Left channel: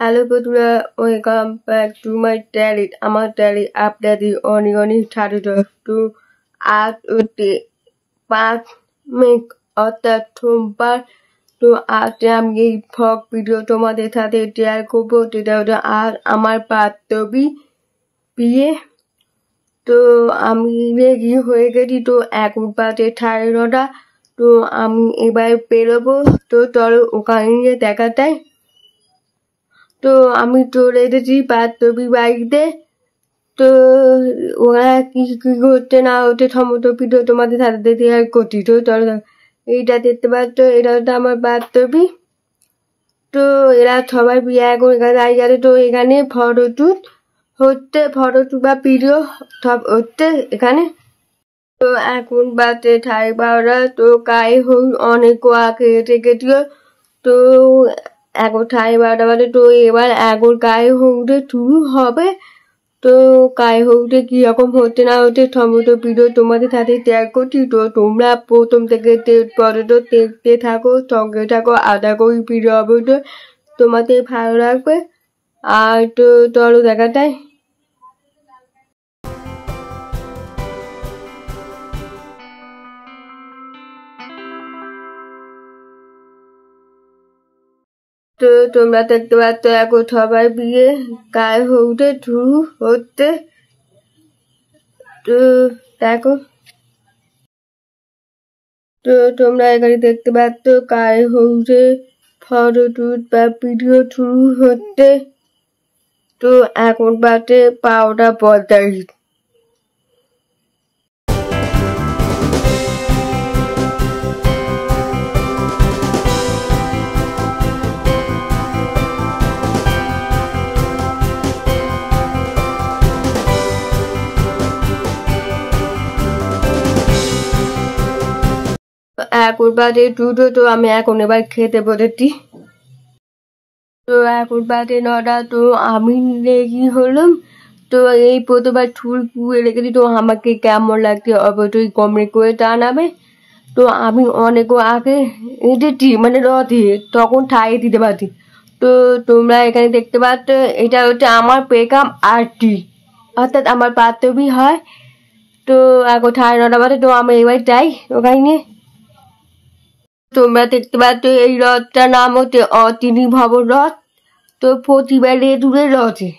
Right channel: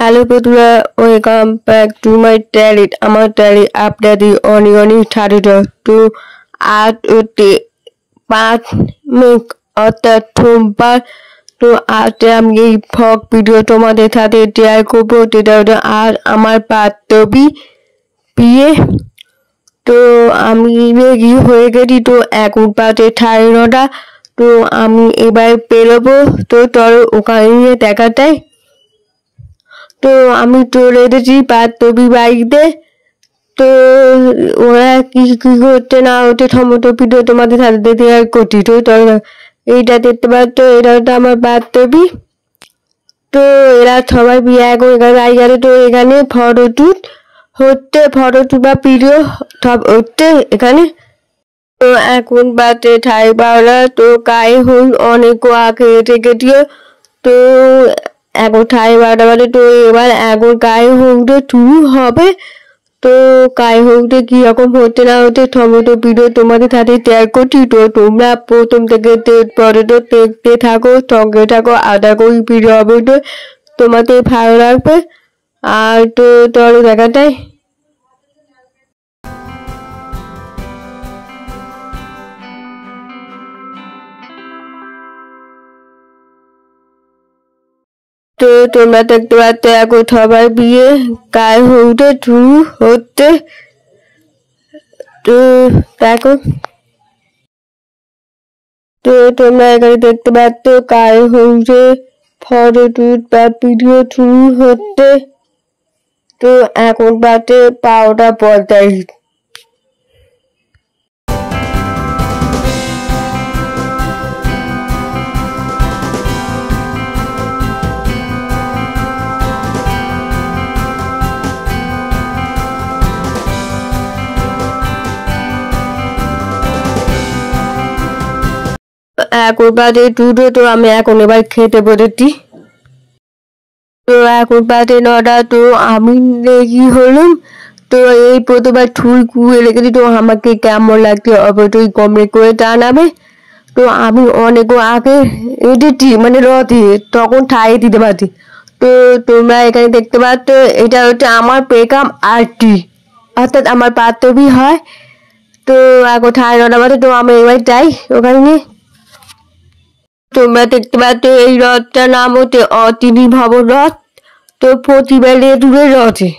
Hello বন্ধুরা, welcome back to my talent. আমার talent আপনাদের অনেক অনেক স্বাগত। তো আজ হচ্ছে 5 মে, অর্থাৎ সোমবার। তো আজ আমি এই ফক ভিডিও তোমাদের সাথে শেয়ার করবো, যেটা হচ্ছে আর আমার বান্ধবী বিয়ে। তো আমি রেডি হয়ে গেছি, তো এখন বাজে 9:30। তো আমি এবার বেরোবো, তো চলো ওখানে দেখা যায়। তো আমি চলে এসেছি বান্ধবী বাড়িতে। তো ওরা কি কি করতে না হচ্ছে সমস্ত ভিডিও তোমাদের সাথে শেয়ার করছি। তো এইটা দেখতে পাচ্ছ, এটা হচ্ছে আমার বান্ধবী। তো এরা সবাই বিয়ে এখন এখানে গেছে। তো এখানে ফটোশুট হচ্ছে, ফটোশুট বা ভিডিও সব হচ্ছে এখানে। তো এখন বাজে 12:30। তো গায়ে হল অনেক আগে এসে গেছিল। তো এখন 12:30 বাজে। তো এবার এখন গায়ে হলুদে শুরু হবে। তো গায়ে হলুদে কিরকম হচ্ছে না হচ্ছে সমস্ত ভিডিও তোমাদের সাথে শেয়ার করছি। তো তোমরা প্রথম থেকে পরে তো দেখতে থাকো, সঙ্গে থাকো। আশা করি ভিডিও হবে তো তোমাদের ভালো লাগবে। আর তো চলো দেখা যায়। তো তোমরা দেখতে পাচ্ছ এখন সবাই বিয়ে গায়ে হলুদে শুরু হচ্ছে। তো দেখো, তো তোমরা এখানে দেখতে পাচ্ছ গায়ে হলুদে ফটোশুট বা ভিডিও শুরু হচ্ছে। তো এখন বাজে 12:45। এখন বাজে 2টো। তো আমি এখন এবার খেতে বসেছি। তো এখন বাজে 9টা। তো আমি রেডি হলাম। তো এই প্রথমবার চুল কুয়ে রেখেছি। তো আমাকে কেমন লাগছে অবশ্যই কমেন্ট করে জানাবে। তো আমি অনেক আগে এসেছি, মানে রথে, তখন ঠাই দিতে পারছি। তো তোমরা এখানে দেখতে পাচ্ছ, এটা হচ্ছে আমার বেগম আরটি, অর্থাৎ আমার বান্ধবী হয়। তো এখন 9:30 বাজে। তো আমি এবার যাই ওখানে। তোমরা দেখতে পাচ্ছ এই রথটার নাম হচ্ছে অতিথি ভবন রথ। তো প্রতিবারে দূরে রথে।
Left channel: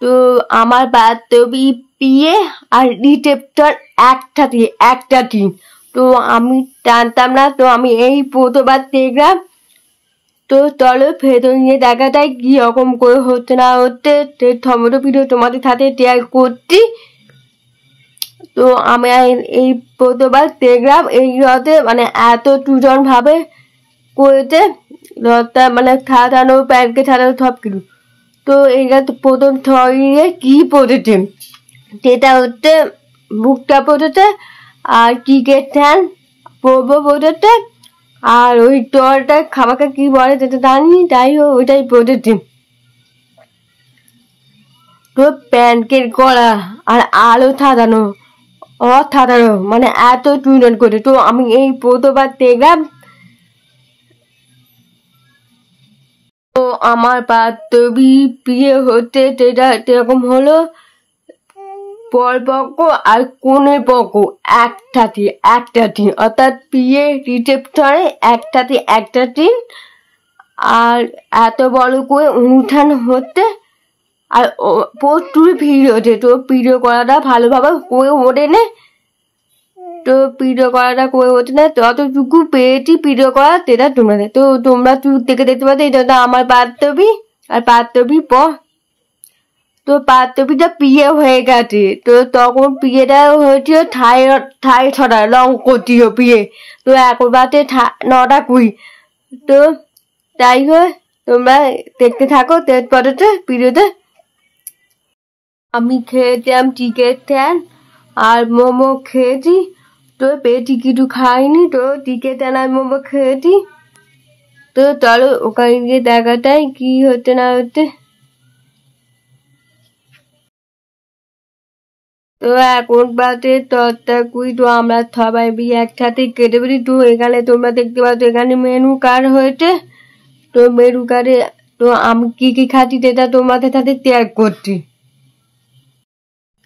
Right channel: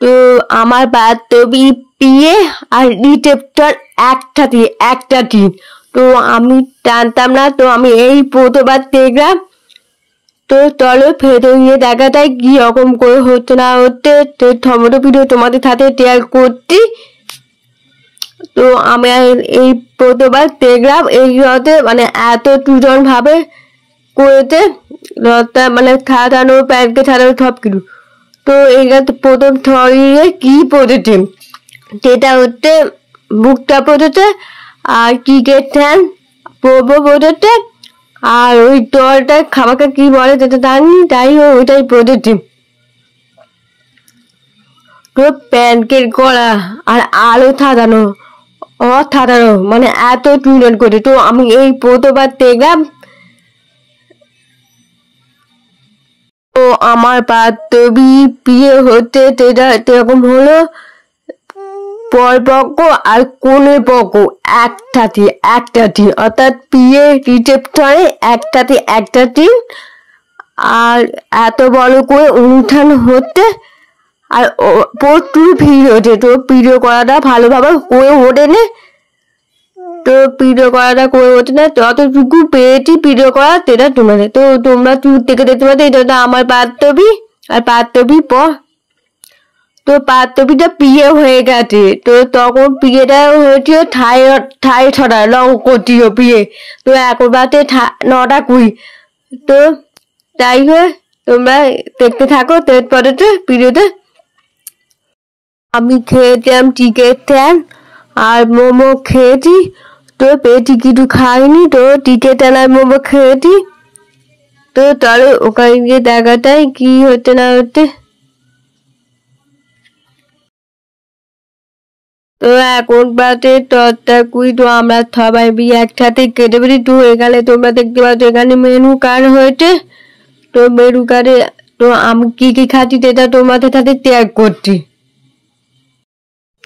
তো আমার বান্ধবী বিয়ে আর রিসেপশন একটা দিন। তো আমি জানতাম না, তো আমি এই প্রথমবার দেখলাম। তো চলো ফেরত নিয়ে দেখা যায় কি রকম করে হচ্ছে না হচ্ছে। তো সমস্ত ভিডিও তোমাদের সাথে শেয়ার করছি। তো আমি এই প্রথমবার দেখলাম এই রথে, মানে এত সুজন ভাবে করেছে রথটা, মানে সাজানো, প্যান্টকে সাজানো সব কিছু। তো এইখানে প্রথম ছড়িয়ে কি পড়েছে, সেটা হচ্ছে বুকটা পড়েছে, আর ক্রিকেট ফ্যান পড়েছে, আর ওই টলটা খাবারটা কি বলে সেটা জানি, তাই ওইটাই পড়েছে। তো প্যান্টের গলা আর আলো সাজানো, অসাধারণ, মানে এত সুন্দর করে। তো আমি এই প্রথমবার দেখলাম। তো আমার বান্ধবী বিয়ে হতে সেটা এরকম হলো, পরপক্ষ আর কনের পক্ষ একটা দিন, অর্থাৎ বিয়ে রিসেপশনে একটা দিন। আর এত বড় করে অনুষ্ঠান হচ্ছে, আর প্রচুর ভিড় হচ্ছে। তো ভিডিও করাটা ভালোভাবে করে ওঠে না। তো ভিডিও করাটা করে ওঠে না, যতটুকু পেয়েছি ভিডিও করা সেটা তোমাদের। তো তোমরা দূর থেকে দেখতে পাচ্ছ, এটা আমার বান্ধবী আর বান্ধবী পর। তো বান্ধবীটা বিয়ে হয়ে গেছে। তো তখন বিয়েটা হয়েছিল ঠাই ছড়া রং করছিল বিয়ে। তো এখন বাজে 9:20। তো তাই হয়, তোমরা দেখতে থাকো তারপরে তো ভিডিওতে। আমি খেয়েছিলাম চিকেন ট্যান আর মোমো খেয়েছি। তো পেয়েছি কিছু খাইনি। তো চিকেন ট্যান আর মোমো খেয়েছি। তো চলো ওখানে গিয়ে দেখা যায় কি হচ্ছে না হচ্ছে। তো এখন বাজে 10:20। তো আমরা সবাই বিয়ে একসাথে কেটে পেরেছি। তো এখানে তোমরা দেখতে পাচ্ছ এখানে মেনু কার্ড হয়েছে। তো মেনু কার্ডে তো আমি কি খাচ্ছি সেটা তোমাদের সাথে শেয়ার করছি।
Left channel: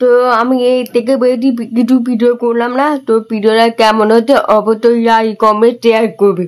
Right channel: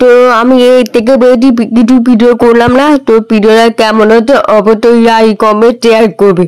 তো আমি এই থেকে বেশি কিছু ভিডিও করলাম না। তো ভিডিওটা কেমন হচ্ছে অবশ্যই লাইক কমেন্ট শেয়ার করবে।